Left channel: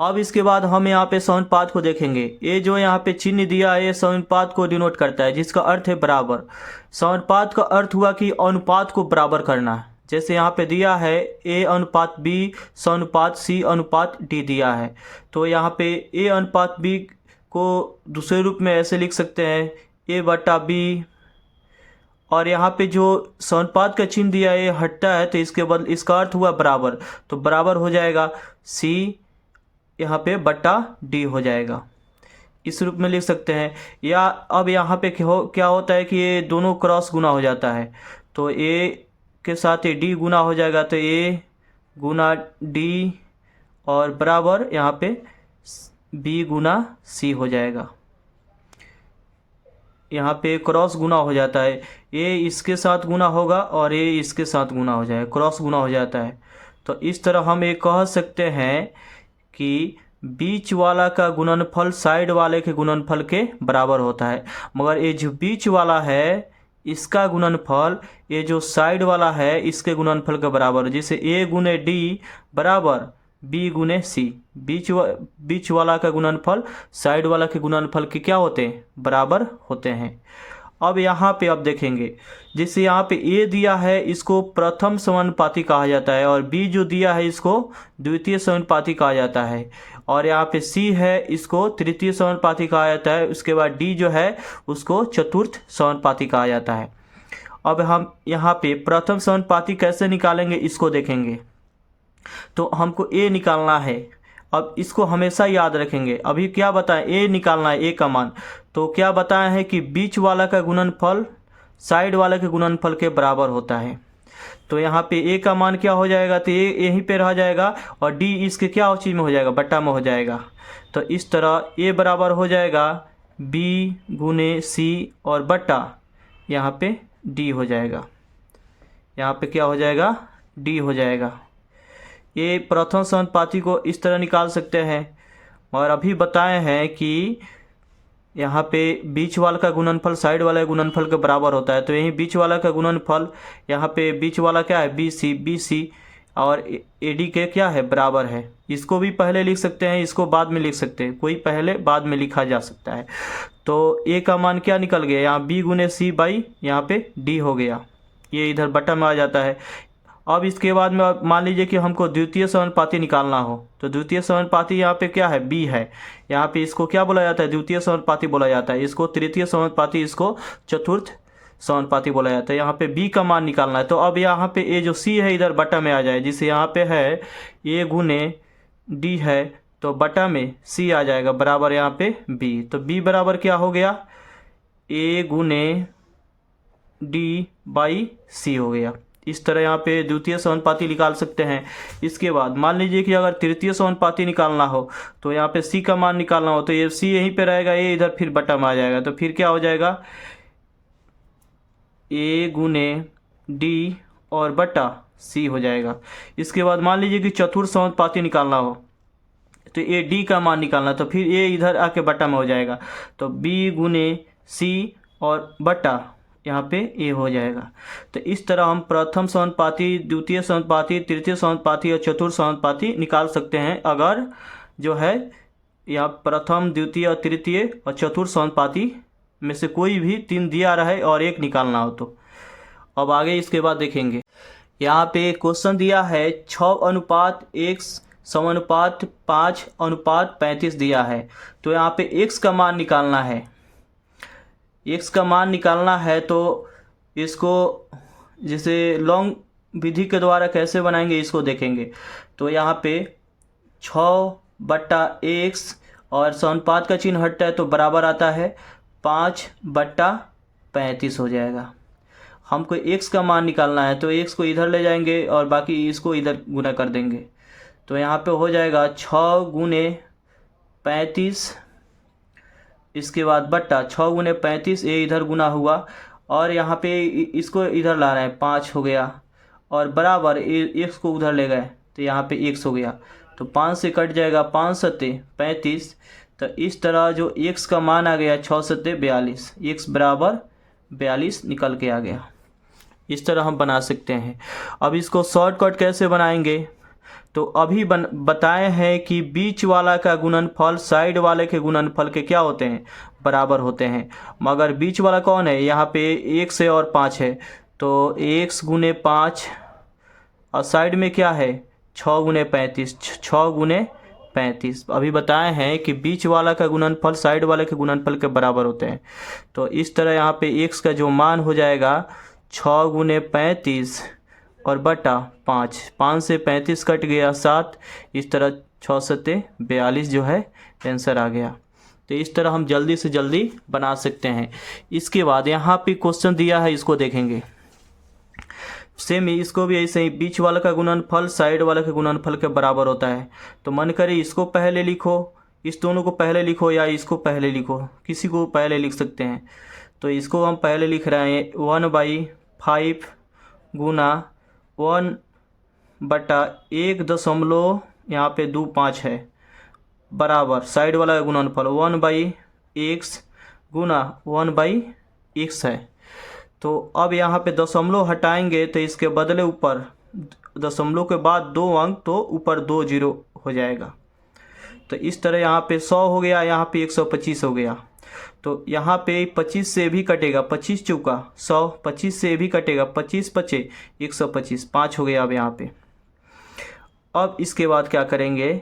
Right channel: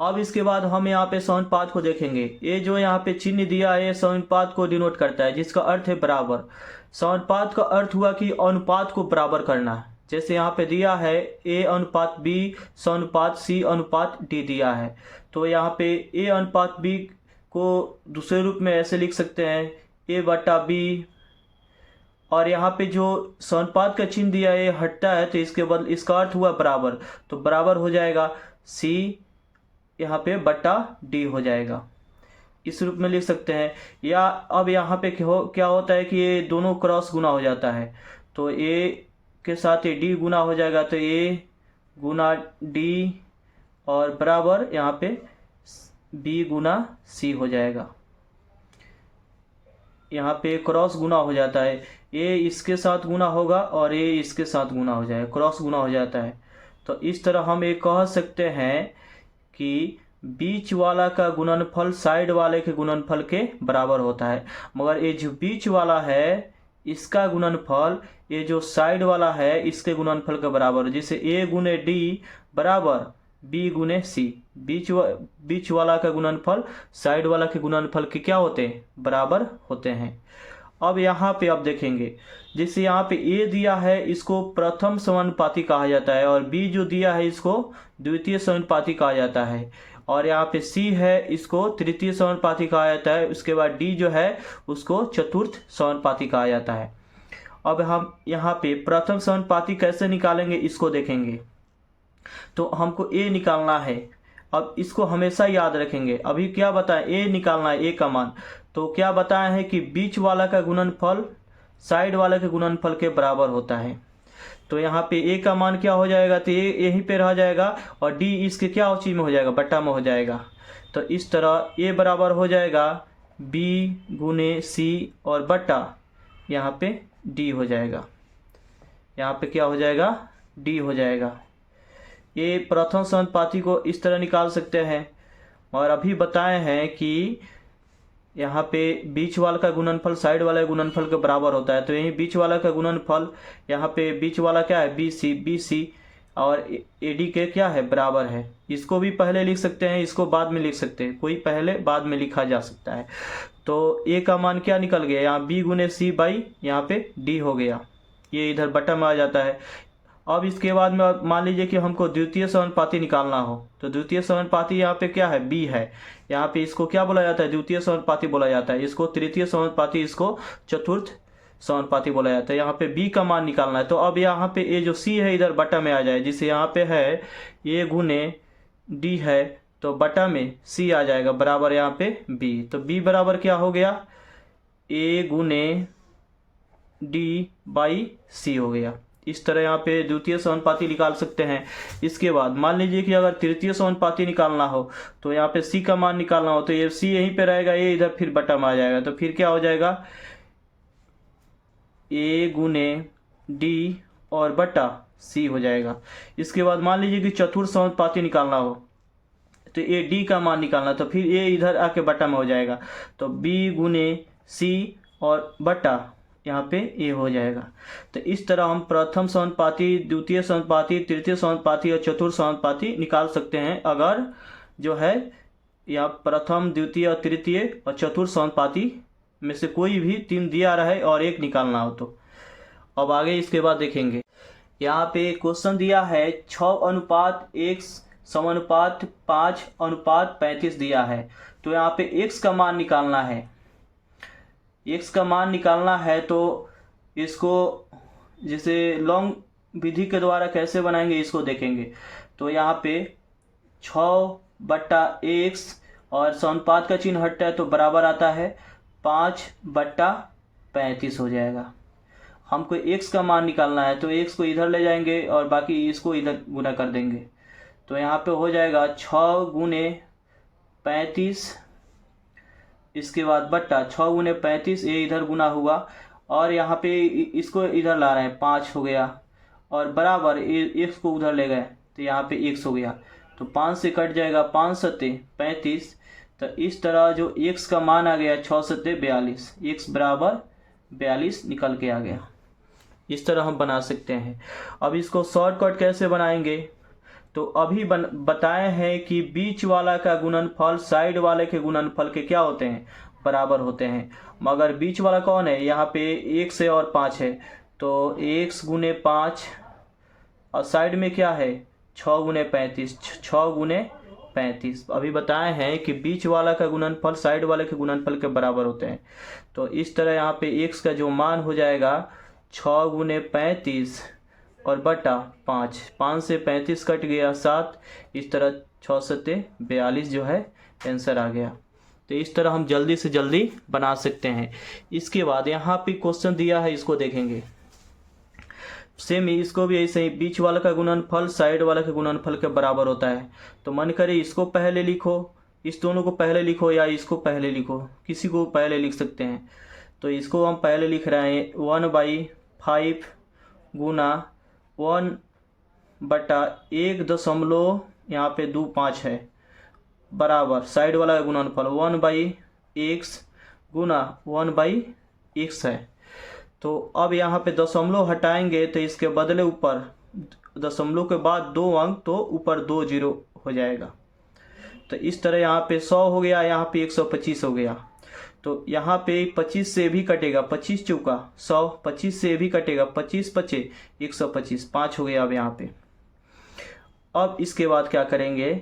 अब इसके बाद हम यहाँ पे समानुपात को देखेंगे। ये जो यहाँ पे चिन्ह दिया है ये समानुपात को डिनोट करता है, जिसका अर्थ है बराबर। समानुपात का अर्थ हुआ कि अनुपात को बराबर करना। जैसे यहाँ पे दिया है ए अनुपात बी समानुपात सी अनुपात डी दिया है, तो यहाँ पे ए अनुपात बी को दूसरे रूप में ऐसे लिख सकते हैं ए बटा बी, और यहाँ पे जो समानुपात का चिन्ह दिया है हटता है तो इसके बदले इसका अर्थ हुआ बराबर, तो बराबर हो जाएगा सी यहाँ पे बटा डी हो जाएगा। इस रूप में लिख सकते हैं। या अब यहाँ पे क्या होता है कि ये दोनों क्रॉस गुना हो जाता है, तो ए के साथ ये डी गुना हो जाएगा, तो ए गुना डी और बराबर यहाँ पे बी गुना सी हो जाएगा। यहाँ पे क्रॉस गुना हो जाता है, ए इसके साथ गुना होगा और ए इसके साथ गुना हो जाएगा, क्रॉस गुना हो जाता है। तो इस तरह हम ये कह सकते हैं कि बीच वाला का गुणनफल साइड वाले के गुणनफल के बराबर होता है, मगर ये जो बीच वाला है इसका गुणनफल ये जो साइड वाला है इसके गुणनफल के बराबर, जैसे ए गुने डी बराबर बी गुने सी। बीच वाला का गुणनफल साइड वाला के गुणनफल के क्या होते हैं, बराबर होते हैं। अब यहाँ पे अब देखेंगे, जैसे यहाँ पे ए दिया है इसको प्रथम समानुपाती कहा जाता है, और बी जो दिया है इसको द्वितीय समानुपाती कहा जाता है, और यहाँ पे सी है इसको तृतीय समानुपाती कहा जाता है। उसके बाद डी जो है उसको चतुर्थ समानुपाती कहा जाता है। अब हम यहाँ पे प्रथम समानुपाती कैसे निकालेंगे इसको देखेंगे। तो हमको ए निकालना है, अब इसको हमेशा याद रखेंगे। अभी क्या बताएं, ए निकालना है, ए का मान। तो क्या बताया है कि बीच वाला का गुणनफल साइड वाले के गुणनफल के बराबर होता है। तो यहाँ पे ए का मान क्या हो जाएगा, तो ए यहीं पे रह जाएगा, और डी इसके क्या चीज़ में हो जाएगा, बट्टा में हो जाएगा। तो इस तरह ए बराबर हो जाएगा बी गुने सी और बट्टा यहाँ पे डी हो जाएगा। यहाँ पे क्या हो जाएगा, डी हो जाएगा। ये प्रथम समानुपाती को इस तरह निकाल सकते हैं। और अभी बताए हैं कि यहाँ पे बीच वाला का गुणनफल साइड वाले गुणनफल के बराबर होता है, तो यही बीच वाला का गुणनफल यहाँ पे बीच वाला क्या है, बी सी और ए डी के क्या है, बराबर है। इसको भी पहले लिख सकते हैं, इसको बाद में लिख सकते हैं, कोई पहले बाद में लिखा जा सकता है। तो ए का मान क्या निकल गया, यहाँ बी गुने सी बाई यहाँ पे डी हो गया, ये इधर बटा में आ जाता है। अब इसके बाद में मान लीजिए कि हमको द्वितीय समानुपाती निकालना हो, तो द्वितीय समानुपाती यहाँ पे क्या है, बी है। यहाँ पे इसको क्या बोला जाता है, द्वितीय समानुपाती बोला जाता है। इसको तृतीय समानुपाती, इसको चतुर्थ समानुपाती बोला जाता है। यहाँ पे बी का मान निकालना है, तो अब यहाँ पे ए जो सी है इधर बटा में आ जाए। जिसे यहाँ पे है ए गुने डी है, तो बटा में सी आ जाएगा, बराबर यहाँ पे बी। तो बी बराबर क्या हो गया, ए गुने डी बाई सी हो गया। इस तरह यहाँ पे द्वितीय समानुपाती निकाल सकते हैं। इसके बाद मान लीजिए कि अगर तृतीय समानुपाती निकालना हो, तो यहाँ पे सी का मान निकालना हो, तो ये सी यहीं पे रहेगा, ये इधर फिर बटा में आ जाएगा। तो फिर क्या हो जाएगा, ए गुने डी और बटा सी हो जाएगा। इसके बाद मान लीजिए कि चतुर्थ समानुपाती निकालना हो, तो ए डी का मान निकालना, तो फिर ए इधर आके बटा में हो जाएगा। तो बी गुने सी और बटा यहाँ पे ए हो जाएगा। तो इस तरह हम प्रथम समानुपाती, द्वितीय समानुपाती, तृतीय समानुपाती और चतुर्थ समानुपाती निकाल सकते हैं, अगर जो है यहाँ प्रथम द्वितीय और तृतीय और चतुर्थ समानुपाती में से कोई भी तीन दिया रहे और एक निकालना हो तो। अब आगे इसके बाद देखेंगे, यहाँ पे क्वेश्चन दिया है 6:1 समानुपात 5:35 दिया है। तो यहाँ पे x का मान निकालना है। x का मान निकालना है तो इसको जैसे लॉन्ग विधि के द्वारा कैसे बनाएंगे इसको देखेंगे। तो यहाँ पे 6/x और समानुपात का चिन्ह हटता है तो बराबर आता है 5/35 हो जाएगा। हमको x का मान निकालना है, तो x को इधर ले जाएंगे और बाकी इसको इधर गुना कर देंगे। तो यहाँ पे हो जाएगा 6 गुने 35, इसके बाद बट्टा 6 गुने 35, ये इधर गुना हुआ, और यहाँ पे इसको इधर ला रहे हैं 5 हो गया, और बराबर x को उधर ले गए तो यहाँ पे x हो गया। तो 5 से कट जाएगा, 5 सत्ते 35। तो इस तरह जो x का मान आ गया 6 सत्ते 42, x बराबर 42 निकल के आ गया। इस तरह हम बना सकते हैं। अब इसको शॉर्टकट कैसे बनाएंगे, तो अभी बताए हैं कि बीच वाला का गुणनफल साइड वाले के गुणनफल के क्या होते हैं, बराबर होते हैं। मगर बीच वाला कौन है, यहाँ पे 1 से और 5 है, तो 1 गुने 5 और साइड में क्या है 6 गुने 35, 6 गुने 35। अभी बताए हैं कि बीच वाला का गुणनफल साइड वाले के गुणनफल के बराबर होते हैं। तो इस तरह यहाँ पे x का जो मान हो जाएगा 6 गुने 35 और बटा 5, 5 से 35 कट गया 7, इस तरह 6 सत्ते 42 जो है आंसर आ गया। तो इस तरह हम जल्दी से जल्दी बना सकते हैं। इसके बाद यहाँ पे क्वेश्चन दिया है, इसको देखेंगे। सेम ही इसको भी ऐसे ही, बीच वाला का गुणनफल साइड वाला के गुणनफल के बराबर होता है। तो मन करे इसको पहले लिखो, इस दोनों को पहले लिखो, या इसको पहले लिखो, किसी को पहले लिख सकते हैं। तो इसको हम पहले लिख रहे हैं 1/5 गुना 1 बटा 1 यहाँ पे 25 है, बराबर साइड वाला का गुणनफल 1/x गुना 1/x है। तो अब यहाँ पे दशमलव हटाएंगे तो इसके बदले ऊपर दशमलव के बाद 2 अंक, तो ऊपर 2 जीरो हो जाएगा। तो इस तरह यहाँ पे 100 हो गया, यहाँ पे 125 हो गया। तो यहाँ पे 25 से भी कटेगा, 25 चौका 100, 25 से भी कटेगा, 25 पचे 125, 5 हो गया अब यहाँ पे। अब इसके बाद क्या करेंगे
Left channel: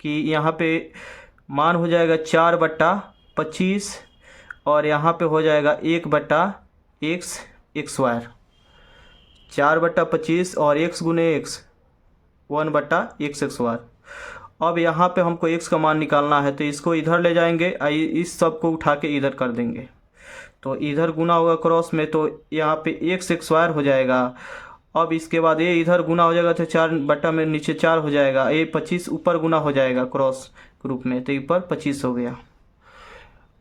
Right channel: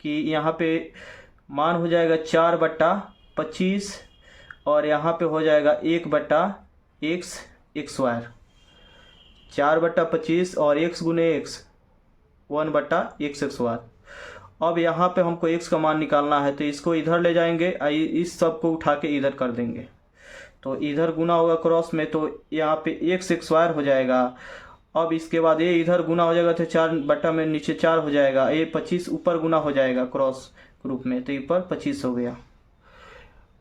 कि यहाँ पे मान हो जाएगा 4/25 और यहाँ पे हो जाएगा 1/x स्क्वायर, 4/25 और x गुने x 1/x स्क्वायर। अब यहाँ पे हमको x का मान निकालना है, तो इसको इधर ले जाएंगे, इस सब को उठा के इधर कर देंगे, तो इधर गुना होगा क्रॉस में, तो यहाँ पे x स्क्वायर हो जाएगा। अब इसके बाद ये इधर गुना हो जाएगा, तो 4 में नीचे 4 हो जाएगा, ये 25 ऊपर गुना हो जाएगा क्रॉस ग्रुप में, तो ऊपर 25 हो गया।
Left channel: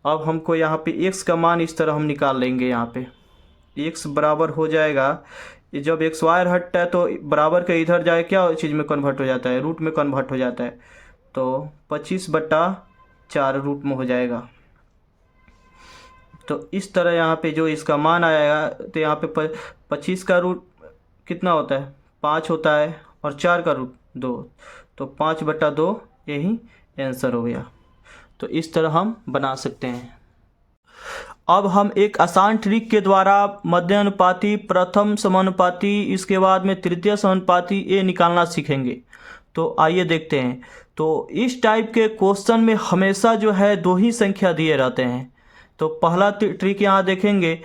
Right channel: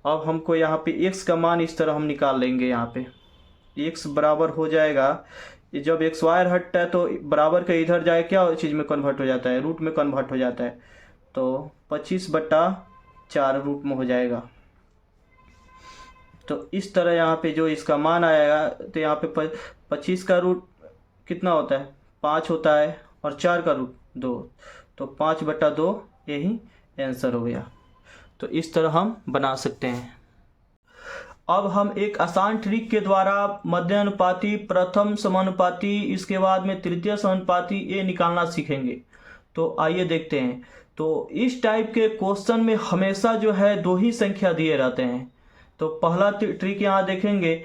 अब हमको यहाँ पे x का मान इस तरह हम निकाल लेंगे। यहाँ पे x बराबर हो जाएगा, जब x वायर हटता है तो बराबर के इधर जाए क्या चीज़ में कन्वर्ट हो जाता है, रूट में कन्वर्ट हो जाता है, तो 25/4 रूट में हो जाएगा। तो इस तरह यहाँ पे जो इसका मान आएगा, तो यहाँ पे 25 का रूट कितना होता है, 5 होता है, और 4 का रूट 2, तो 5/2 यही आंसर हो गया। तो इस तरह हम बना सकते हैं। अब हम एक आसान ट्रिक के द्वारा मध्यानुपाती, प्रथम समानुपाती, इसके बाद में तृतीय समानुपाती ये निकालना सीखेंगे। तो आइए देखते हैं। तो इस टाइप के क्वेश्चन में हमेशा जो है 2 ही संख्या दिए रहते हैं। तो पहला ट्रिक यहाँ देखेंगे,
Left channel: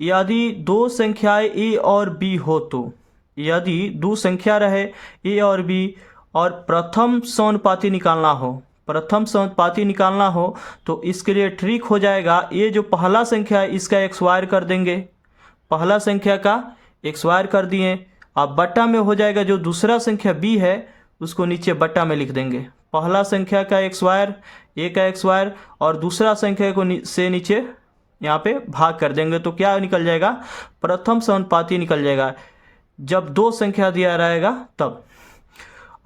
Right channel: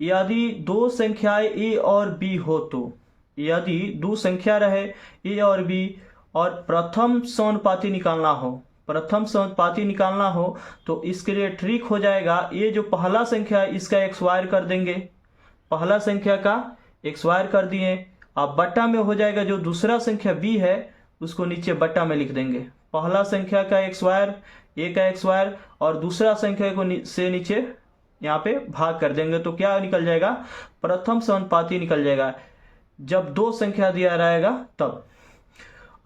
यदि 2 संख्याएं a और b हो, तो यदि 2 संख्या रहे a और b और प्रथम समानुपाती निकालना हो, प्रथम समानुपाती निकालना हो, तो इसके लिए ट्रिक हो जाएगा, ये जो पहला संख्या है इसका x वायर कर देंगे, पहला संख्या का x वायर कर दिए। अब बट्टा में हो जाएगा, जो दूसरा संख्या b है उसको नीचे बट्टा में लिख देंगे, पहला संख्या का x वायर, a का x वायर, और दूसरा संख्या को से नीचे यहाँ पे भाग कर देंगे, तो क्या निकल जाएगा, प्रथम समानुपाती निकल जाएगा। जब 2 संख्या दिया रहेगा तब,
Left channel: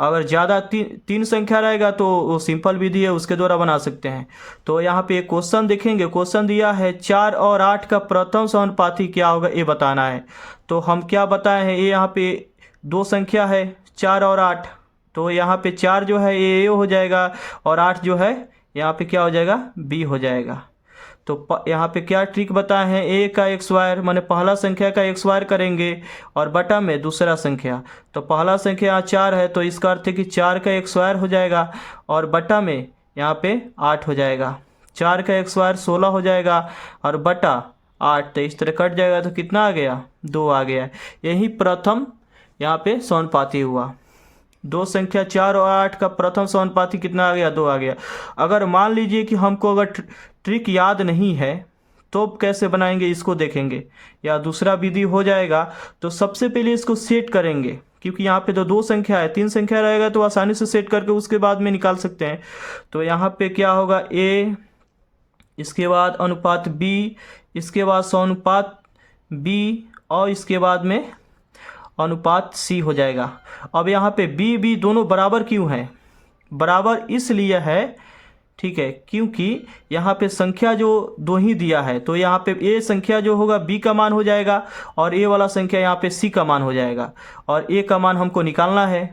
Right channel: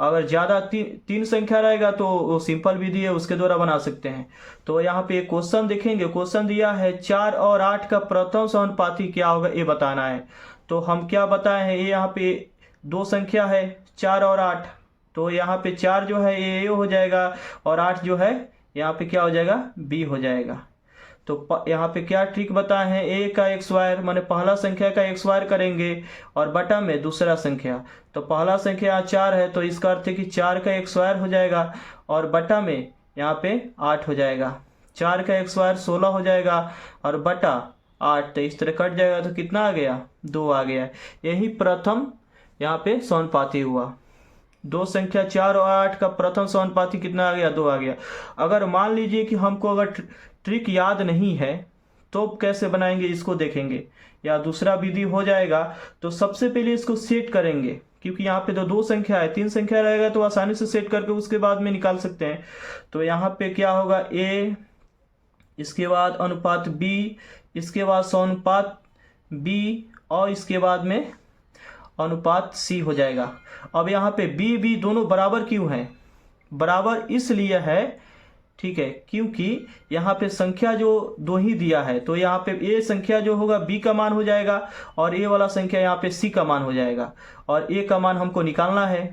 अगर ज़्यादा 3 संख्या रहेगा तो वो सिंपल विधि है, उसके द्वारा बना सकते हैं। तो यहाँ पे एक क्वेश्चन देखेंगे, क्वेश्चन दिया है 4 और 8 का प्रथम समानुपाती क्या होगा, ये बताना है। तो हम क्या बताए हैं, ये यहाँ पे 2 संख्या है 4 और 8, तो यहाँ पे 4 जो है ये हो जाएगा, और 8 जो है यहाँ पे क्या हो जाएगा, b हो जाएगा। तो यहाँ पे क्या ट्रिक बताए हैं, a का x वायर माने पहला संख्या का x वायर करेंगे, और बटा में दूसरा संख्या, तो पहला संख्या यहाँ 4 है, तो इसका अर्थ है कि 4 का x वायर हो जाएगा, और बटा में यहाँ पे 8 हो जाएगा, 4 का x वायर 16 हो जाएगा, और बटा 8, तो इस तरह कट जाएगा, तो कितना आ गया, 2 आ गया। यही प्रथम यहाँ पे समानुपाती हुआ। 2 संख्या 4 और 8 का प्रथम समानुपाती कितना आ गया, 2 आ गया। अगर मान लीजिए कि हमको अगर ट्रिक याद नहीं है तो कैसे बनाएंगे, इसको देखेंगे, या दूसरा विधि हो जाएगा। तो सबसे पहले इसको सेट करेंगे, क्योंकि यहाँ पे तो 2 संख्या है, 3 संख्या रहेगा तो आसानी से सेट करके उसके बाद में निकाल सकते हैं। तो यहाँ पे क्या होगा, a, इसके बाद अनुपात b, इसके बाद समानुपात b, और इसके बाद में अनुपात c हो जाएगा। अब यहाँ पे b दोनों बराबर क्यों है, बराबर इसलिए है, ठीक है, क्योंकि यहाँ पे संख्या जो 2 ही दिया है, तो यहाँ पे a संख्या जो होगा b का मान हो जाएगा, और a वाला संख्या यहाँ पे c का मान हो जाएगा, और a का मान हमको निकालना है।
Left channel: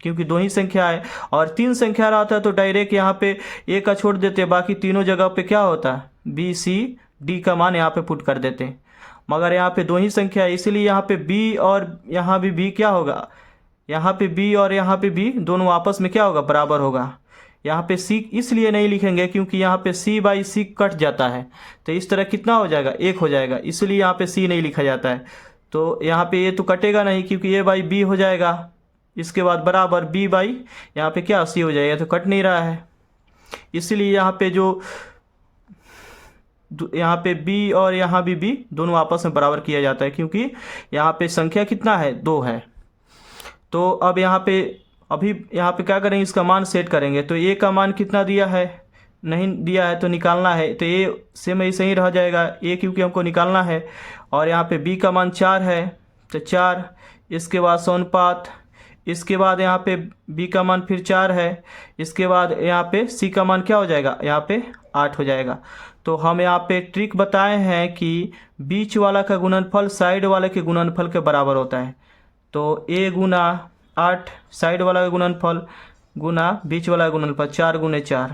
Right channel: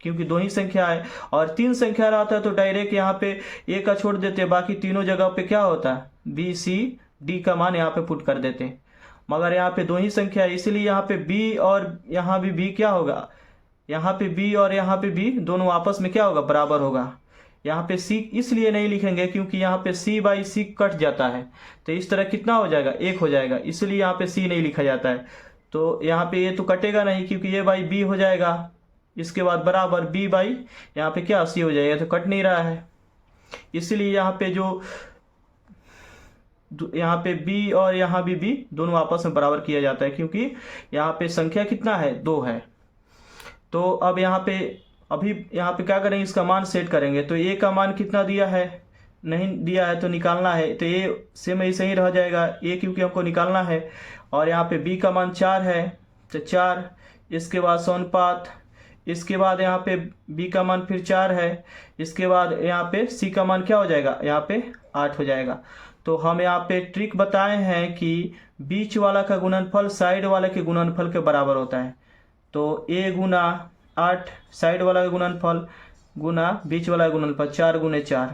क्योंकि दो ही संख्या है, और तीन संख्या रहता है तो डायरेक्ट यहाँ पे ए का छोड़ देते, बाकी तीनों जगह पे क्या होता है बी सी डी का मान यहाँ पे पुट कर देते हैं। मगर यहाँ पे दो ही संख्या है, इसीलिए यहाँ पे बी और यहाँ भी बी क्या होगा, यहाँ पे बी और यहाँ पे बी दोनों आपस में क्या होगा, बराबर होगा। यहाँ पे सी इसलिए नहीं लिखेंगे क्योंकि यहाँ पे सी बाई सी कट जाता है, तो इस तरह कितना हो जाएगा, एक हो जाएगा, इसलिए यहाँ पे सी नहीं लिखा जाता है। तो यहाँ पे ये तो कटेगा नहीं क्योंकि ए बाई बी हो जाएगा, इसके बाद बराबर बी बाई यहाँ पे क्या सी हो जाएगा, तो कट नहीं रहा है। इसलिए यहाँ पे जो यहाँ पे बी और यहाँ भी बी दोनों आपस में बराबर किया जाता है, क्योंकि यहाँ पे संख्या कितना है, दो है। तो अब यहाँ पे अभी यहाँ पे क्या करेंगे, इसका मान सेट करेंगे। तो ए का मान कितना दिया है, नहीं दिया है तो निकालना है, तो ए सेम ऐसे ही रह जाएगा ए, क्योंकि हमको निकालना है। और यहाँ पे बी का मान 4 है तो 4, इसके बाद सोनपात, इसके बाद यहाँ पे बी का मान फिर 4 है, इसके बाद यहाँ पे सी का मान क्या हो जाएगा, यहाँ पे 8 हो जाएगा। तो हम यहाँ पे ट्रिक बताए हैं कि बीच वाला का गुणनफल साइड वाले के गुणनफल के बराबर होता है। तो ए गुना 8 साइड वाला का गुणनफल गुना बीच वाला का गुणनफल 4 गुने 4।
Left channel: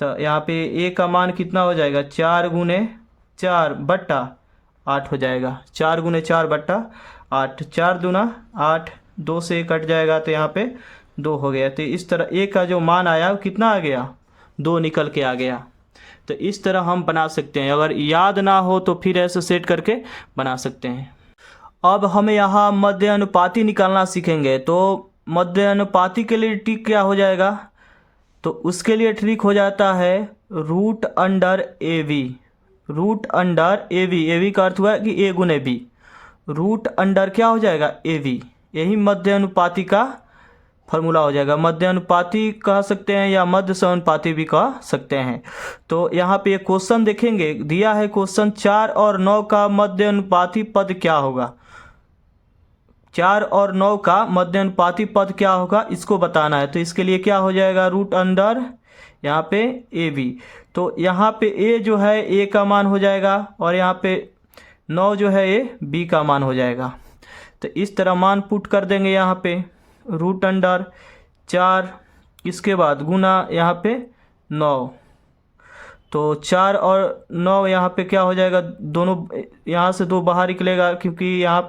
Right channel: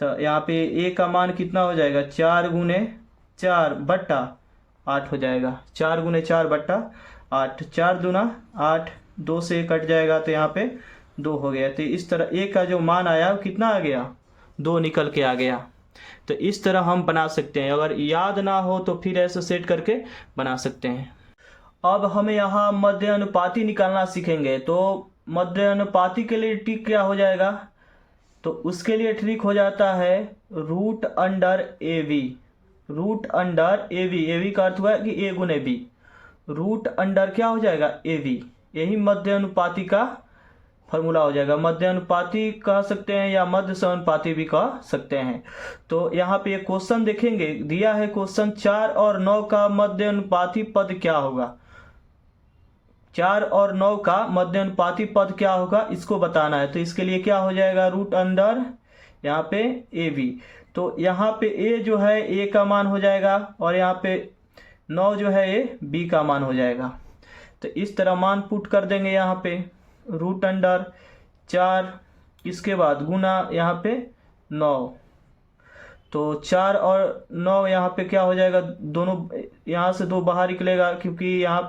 तो यहाँ पे ए का मान कितना हो जाएगा, 4 गुने 4 बट्टा 8 हो जाएगा, 4 गुने 4 बट्टा 8, 4 दूना 8, 2 से कट जाएगा तो यहाँ पे 2 हो गया। तो इस तरह ए का जो मान आया कितना आ गया, 2 निकल के आ गया। तो इस तरह हम बना सकते हैं, अगर याद ना हो तो फिर ऐसे सेट करके बना सकते हैं। अब हम यहाँ मध्य अनुपाती निकालना सीखेंगे। तो मध्य अनुपाती के लिए ट्रिक क्या हो जाएगा, तो उसके लिए ट्रिक हो जाता है root under A V. Root under A V, A V का अर्थ हुआ है कि ए गुने बी, रूट अंडर क्या हो जाएगा, ए वी। यही मध्य अनुपाती का फॉर्मूला हो जाएगा। मध्य अनुपाती कह सकते हैं या मध्य समानुपाती भी कह सकते हैं। तो यहाँ पे क्वेश्चन देखेंगे, दिया है क्वेश्चन 4 और 9 का मध्य अनुपाती पद क्या होगा। 4 और 9 का मध्य अनुपाती पद क्या होगा, इसको बताना है। तो इसके लिए क्या हो जाएगा, रूट अंडर यहाँ पे ए बी। तो यहाँ पे ए जो है ए का मान हो जाएगा, और यहाँ पे 9 जो है ए बी का मान हो जाएगा। तो इस तरह मान पुट कर देंगे यहाँ पे, रूट अंडर 4, इसके बाद गुना यहाँ पे 9। तो 4 और 9 यहाँ पे क्या हो जाएगा, दोनों यहाँ से 2 बाहर निकलेगा, क्योंकि यहाँ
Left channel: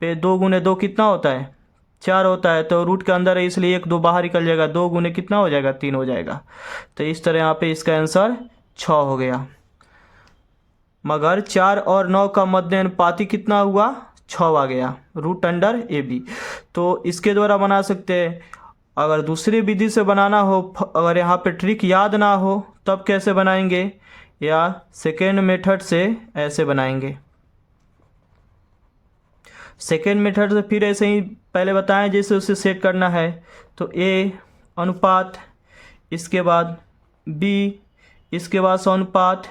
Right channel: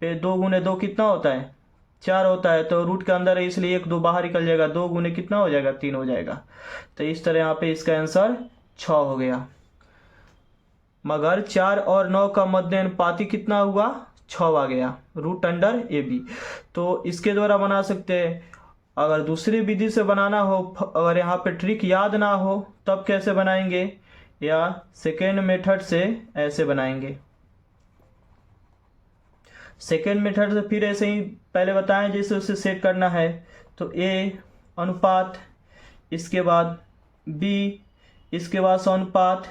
पे 2 गुने 2 कितना होता है, 4 होता है। तो रूट के अंदर है इसलिए 1 2 बाहर निकल जाएगा, 2 गुने कितना हो जाएगा, 3 हो जाएगा। तो इस तरह यहाँ पे इसका आंसर 6 हो गया। मगर 4 और 9 का मध्य अनुपाती कितना हुआ, 6 आ गया, रूट अंडर ए बी। तो इसके द्वारा बना सकते हैं। अगर दूसरी विधि से बनाना हो, अगर यहाँ पे ट्रिक याद ना हो, तब कैसे बनाएंगे, या सेकेंड मेथड से ऐसे बनाएंगे। सेकेंड मेथड से फिर ऐसे ही पहले बताएं जैसे उसे सेट करना है। तो ए अनुपात, इसके बाद बी, इसके बाद अनुपात,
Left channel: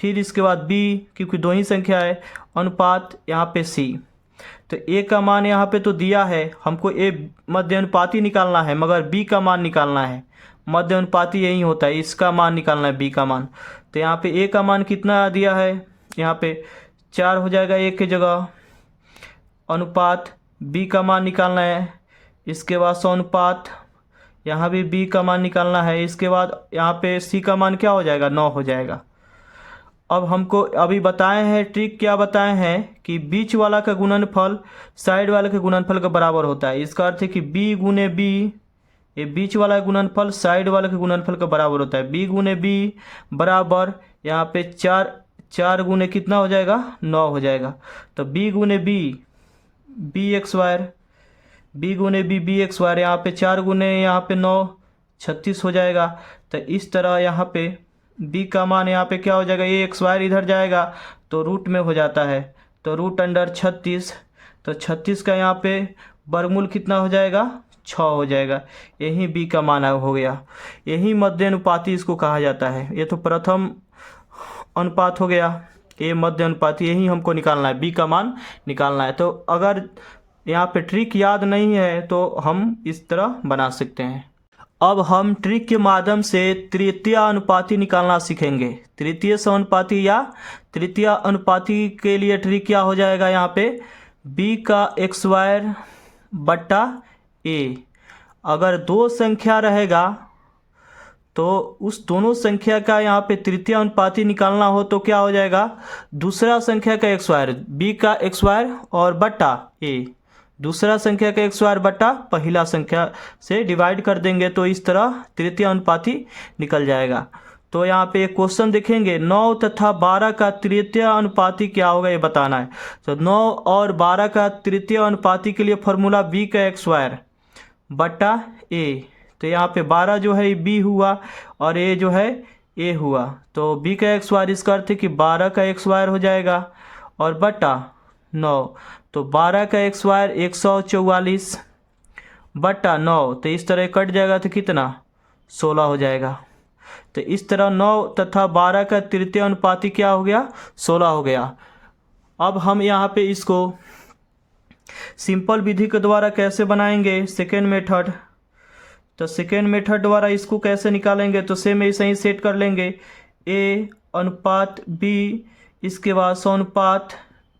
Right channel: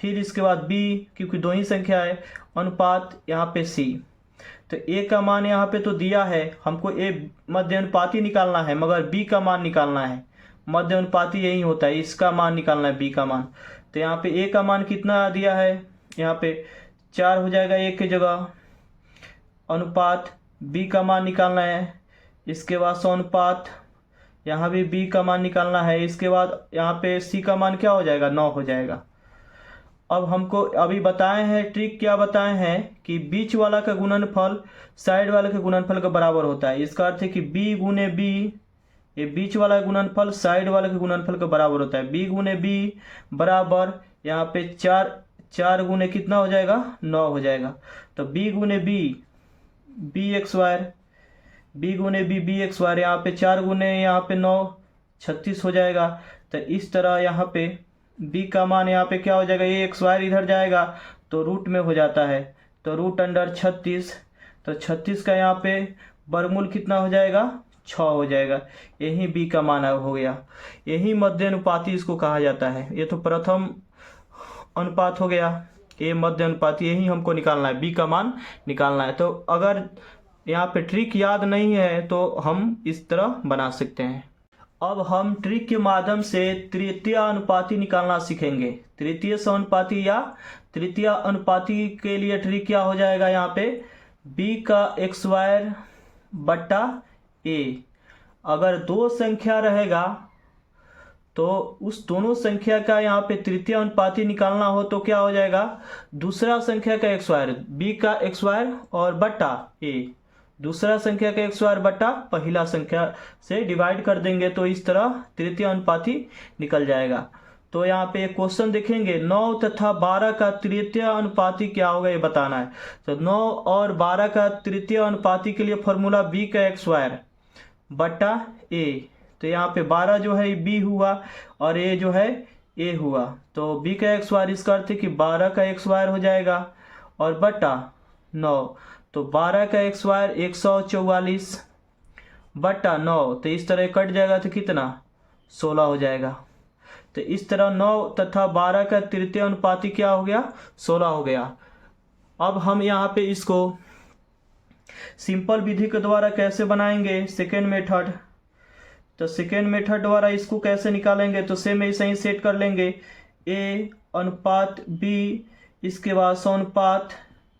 फिर इसके बाद बी, क्योंकि दो ही संख्या है, अनुपात यहाँ पे सी। तो ए का मान यहाँ पे तो दिया है, हमको ए मध्य अनुपाती निकालना है, मगर बी का मान निकालना है। मध्य अनुपाती यही होता है, इसका मान निकालना है, बी का मान। तो यहाँ पे ए का मान कितना दिया है, यहाँ पे 4 हो जाएगा ए के जगह। अनुपात बी का मान निकालना है, इसके बाद अनुपात, यहाँ भी बी का मान निकालना है, इसके बाद यहाँ पे सी का मान क्या हो जाएगा, 9 हो जाएगा। अब हमको अभी बताए हैं ट्रिक, क्या बताए हैं कि बीच वाला का गुणनफल साइड वाले के गुणनफल के बराबर होता है। इसका अर्थ है कि बी गुने बी, ये बीच वाला गुणनफल साइड वाले के गुणनफल के बराबर होता है। बी गुने बी बराबर यहाँ पे 4 गुने कितना हो जाएगा, 9 हो जाएगा। तो बी गुने बी, बी एक्स वायर, बी गुने बी एक्स वायर, यहाँ पे 4 गुने यहाँ पे 9, 36 हो जाएगा। तो इस तरह यहाँ पे b का मान यहाँ पे क्या हो जाएगा, ये एक्स वायर इधर जाएगा तो रूट में हो जाता है, तो रूट अंडर 36। तो 36 का यहाँ पे वर्गमूल कितना हो जाएगा, 6 हो जाएगा। यही b का मान हो गया। यही मध्य अनुपाती इसको कहा जाता है। ये तो प्रथम अनुपात हो गया, ये मध्य अनुपाती, यही हमको निकालना है, b का मान निकालना है। तो अगर यहाँ पे ट्रिक याद नहीं है तो हम इस तरह बना सकते हैं। अब हम ट्रिक के माध्यम से तृतीय अनुपाती निकालना सीखेंगे। तृतीय समानुपाती या तृतीय अनुपाती के लिए ट्रिक क्या हो जाएगा, यहाँ पे b का एक्स वायर बट्टा a, अगर दो संख्या रहेगा तो उस दोनों संख्या का यहाँ पे तृतीय अनुपाती निकालना हो तो क्या हो जाएगा, दूसरा संख्या का एक्स स्क्वायर, बी का एक्स स्क्वायर और बट्टा ए, दूसरा संख्या का एक्स स्क्वायर बट्टा पहला संख्या से डिवाइड कर देंगे तो इस तरह तृतीय अनुपाती निकल जाएगा। तो यहाँ पे एक क्वेश्चन देखेंगे, 9 तथा 12 का तृतीय अनुपाती क्या होगा ये बताना है। तो 9 और 12 का तृतीय अनुपाती के लिए फॉर्मूला बी का एक्स स्क्वायर बट्टा ए, तो यहाँ पे 12 जो है बी हुआ और ए जो है ए हुआ, तो बी का एक्स स्क्वायर इसका अर्थ है कि 12 का एक्स स्क्वायर हो जाएगा और बटा 9, तो 12 का एक्स स्क्वायर 144 बटा 9, तो इस तरह कट जाएगा तो कितना 16 हो जाएगा। तो इस तरह 9 तथा 12 का तृतीय अनुपाती क्या हो गया, 16 हो गया। अब हम यहाँ पे इसको सिंपल विधि के द्वारा कैसे बनाएंगे, सेकेंड मेथड। तो सेकेंड मेथड द्वारा इसको कैसे निकालेंगे, तो सेम ऐसे ही सेट कर लेंगे, ए अनुपात बी, इसके बाद समानुपात,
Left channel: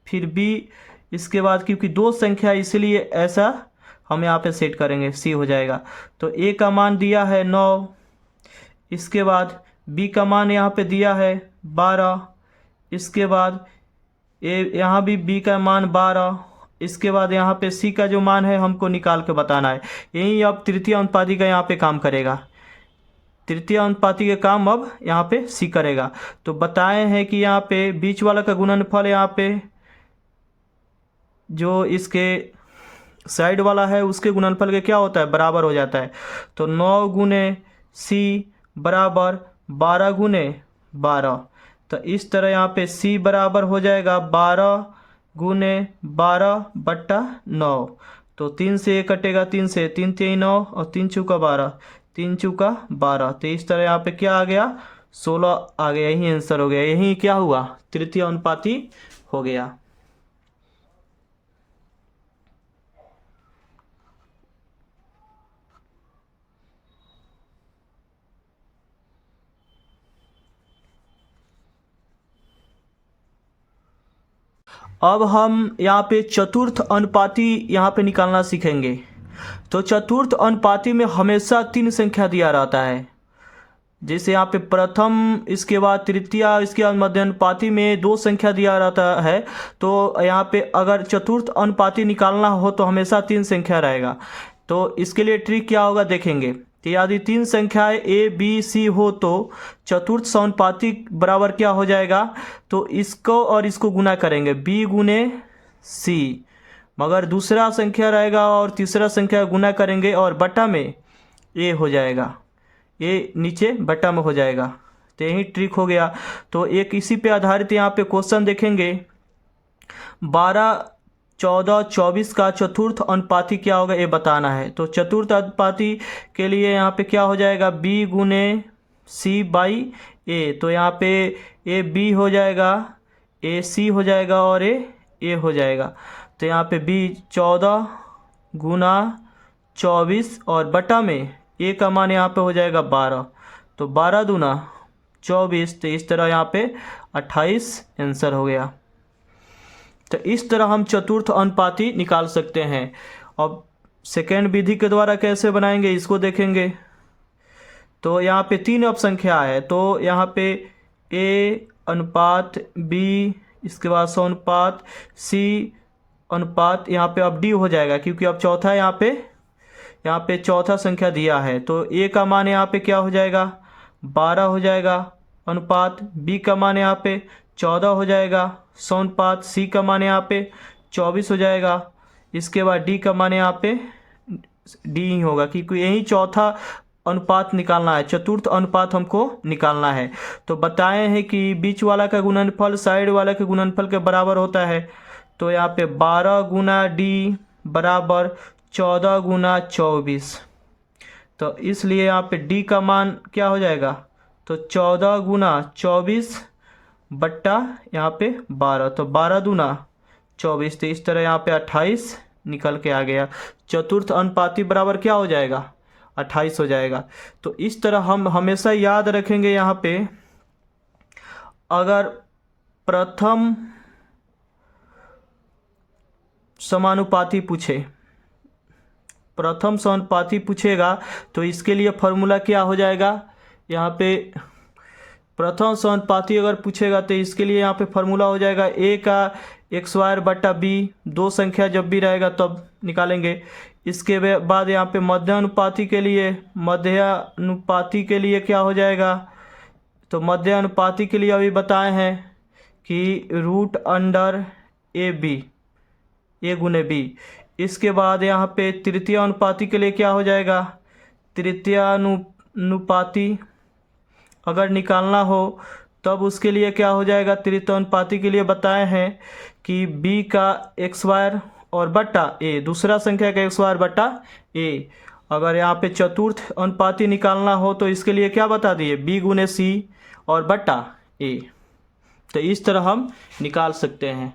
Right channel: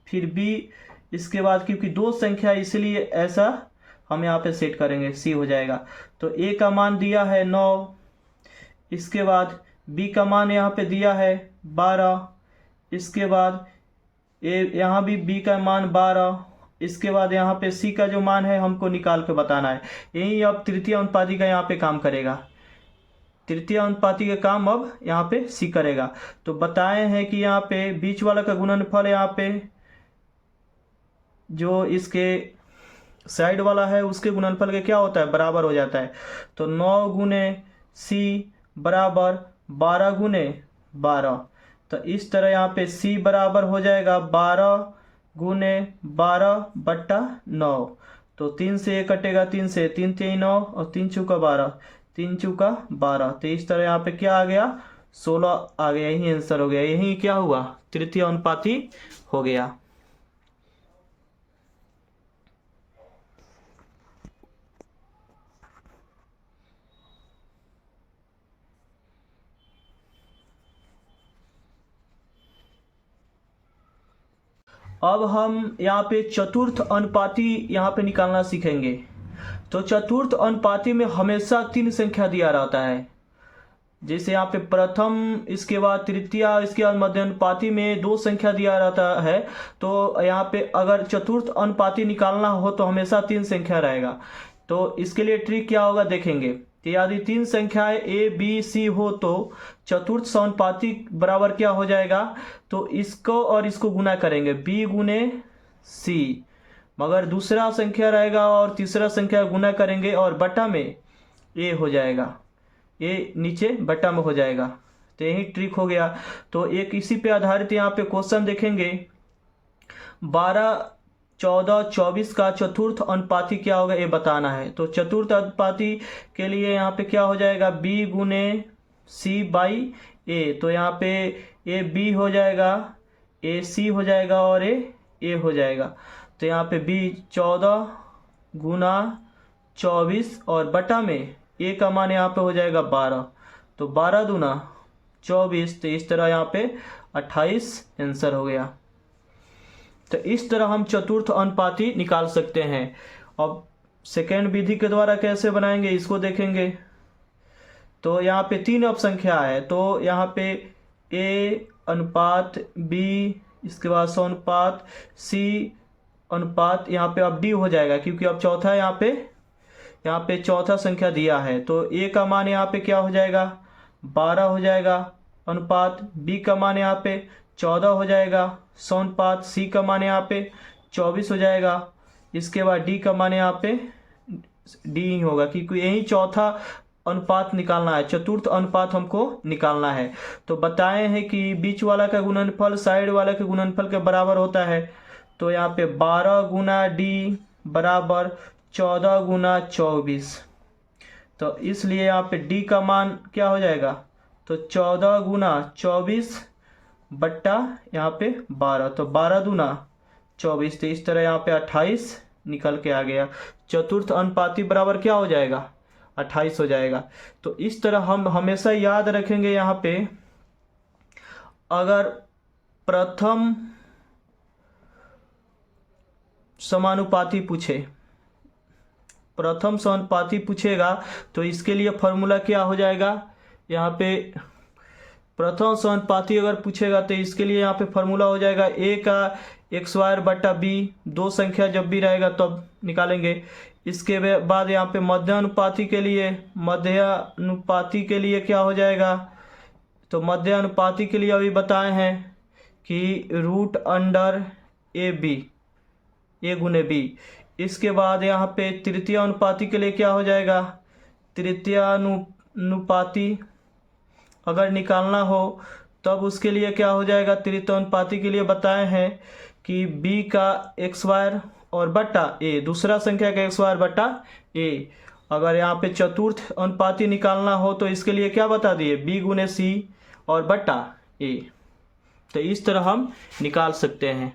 फिर बी, इसके बाद क्योंकि दो संख्या इसलिए ऐसा हम यहाँ पे सेट करेंगे, सी हो जाएगा। तो ए का मान दिया है 9, इसके बाद बी का मान यहाँ पे दिया है 12, इसके बाद ए यहाँ भी बी का मान 12, इसके बाद यहाँ पे सी का जो मान है हमको निकाल के बताना है। यही अब तृतीय अनुपाती का यहाँ पे काम करेगा, तृतीय अनुपाती का काम अब यहाँ पे सी करेगा। तो बताए हैं कि यहाँ पे बीच वाला का गुणनफल यहाँ पे जो इसके साइड वाला है उसके गुणनफल के क्या होता है, बराबर हो जाता है। तो 9 गुने सी बराबर 12 गुने 12, तो इस तरह यहाँ पे सी बराबर हो जाएगा 12 गुने 12 बट्टा 9, तो 3 से 1 कटेगा, 3 से 3 3 9 और 3 चौका 12, 3 चौका 12, तो इस तरह यहाँ पे क्या आ गया 16 आ गया, यही आंसर हो गया, यही क्या हुआ तृतीय अनुपाती हो गया। अब हम यहाँ पे चतुर्थ अनुपाती यहाँ पे निकालना सीखेंगे। तो चतुर्थ अनुपाती में हमेशा 3 संख्या दिया रहता है, जैसे यहाँ पे प्रथम, इसके बाद तृतीय, इसके बाद मध्य अनुपाती में 2 संख्या दिया रहता है। तो यहाँ पे अगर चतुर्थ अनुपाती निकालना हो तो हमेशा 3 संख्या रहेगा। तो इसके लिए ट्रिक क्या होगा देखेंगे। तो यदि 3 संख्याएं ए बी सी हो तो चतुर्थ समानुपाती बराबर क्या हो जाएगा, तो इसको और इसको गुना करेंगे बी गुने सी, मगर दूसरा संख्या रहेगा और तीसरा संख्या गुना करेंगे और बटा में ए हो जाएगा, ए नीचे बटा में हो जाएगा। तो यही ट्रिक हो गया। तो एक इसी पे आधारित यहाँ पे क्वेश्चन देखेंगे, 12 14 24 का चतुर्थ अनुपाती क्या होगा ये बताना है। तो चतुर्थ अनुपाती के लिए यहाँ पे क्या हो जाएगा, बी गुने सी बाई ए, तो यहाँ पे ए बी हो जाएगा, ए सी हो जाएगा और ए हो जाएगा। तो यहाँ पे बी 14 गुना 24 और बटा में ए का मान यहाँ पे हो जाएगा 12, तो 12 दूना 24, तो इस तरह यहाँ पे 28 आंसर हो गया। तो इस तरह हम चतुर्थ अनुपाती निकाल सकते हैं। अब सेकेंड विधि के द्वारा कैसे बनाएंगे इसको देखेंगे। तो यहाँ पे 3 अब संख्या है, तो यहाँ पे ए अनुपात बी, इसके बाद समानुपात सी अनुपात, यहाँ पे अब डी हो जाएगा क्योंकि अब चौथा यहाँ पे चौथा संख्या दिया है। तो ए का मान यहाँ पे क्या हो जाएगा 12 हो जाएगा, अनुपात बी का मान यहाँ पे 14 हो जाएगा, समानुपात सी का मान यहाँ पे 24 हो जाएगा, इसके बाद डी का मान यहाँ पे डी ही होगा क्योंकि यही चौथा अनुपात निकालना है, चतुर्थ अनुपात हमको निकालना है। तो बताए हैं कि बीच वाला का गुणनफल साइड वाला के गुणनफल के बराबर होता है। तो यहाँ पे 12 गुना डी बराबर 14 गुना 24, तो इसलिए यहाँ पे डी का मान क्या हो जाएगा, तो 14 गुना 24 बट्टा यहाँ पे 12, तो 12 दूना 24, तो इस तरह यहाँ पे 28 निकल के आ गया। चतुर्थ अनुपाती बराबर क्या हो जाएगा 28 हो जाएगा। तो इस तरह हम हमेशा याद रखेंगे, यहाँ पे अगर प्रथम समानुपाती पूछे प्रथम समानुपाती पूछेगा तो इसके लिए फॉर्मूला क्या हो जाएगा, यहाँ पे प्रथम समानुपाती अगर पूछेगा तो इसके लिए यहाँ पे फॉर्मूला हो जाएगा ए का एक्स स्क्वायर बटा बी, दो संख्या जब भी रहेगा तब निकालेंगे। इसके बाद यहाँ पे मध्यानुपाती के लिए क्या हो जाएगा, तो मध्यानुपाती के लिए अभी बताए हैं कि रूट अंडर ए बी, ए गुने बी। इसके बाद यहाँ पे तृतीय अनुपाती के लिए क्या हो जाएगा, तृतीय अनुपाती अगर निकालना हो तब उसके लिए क्या हो जाएगा, तृतीय अनुपाती के लिए बताए हैं कि b का एक्स स्क्वायर और बटा a, दूसरा संख्या का एक्स स्क्वायर बटा a। अगर यहाँ पे चतुर्थ अनुपाती निकालना हो तो इसके लिए क्या बता दिए, b गुने c और बटा a। तो इस तरह हम निकाल सकते हैं।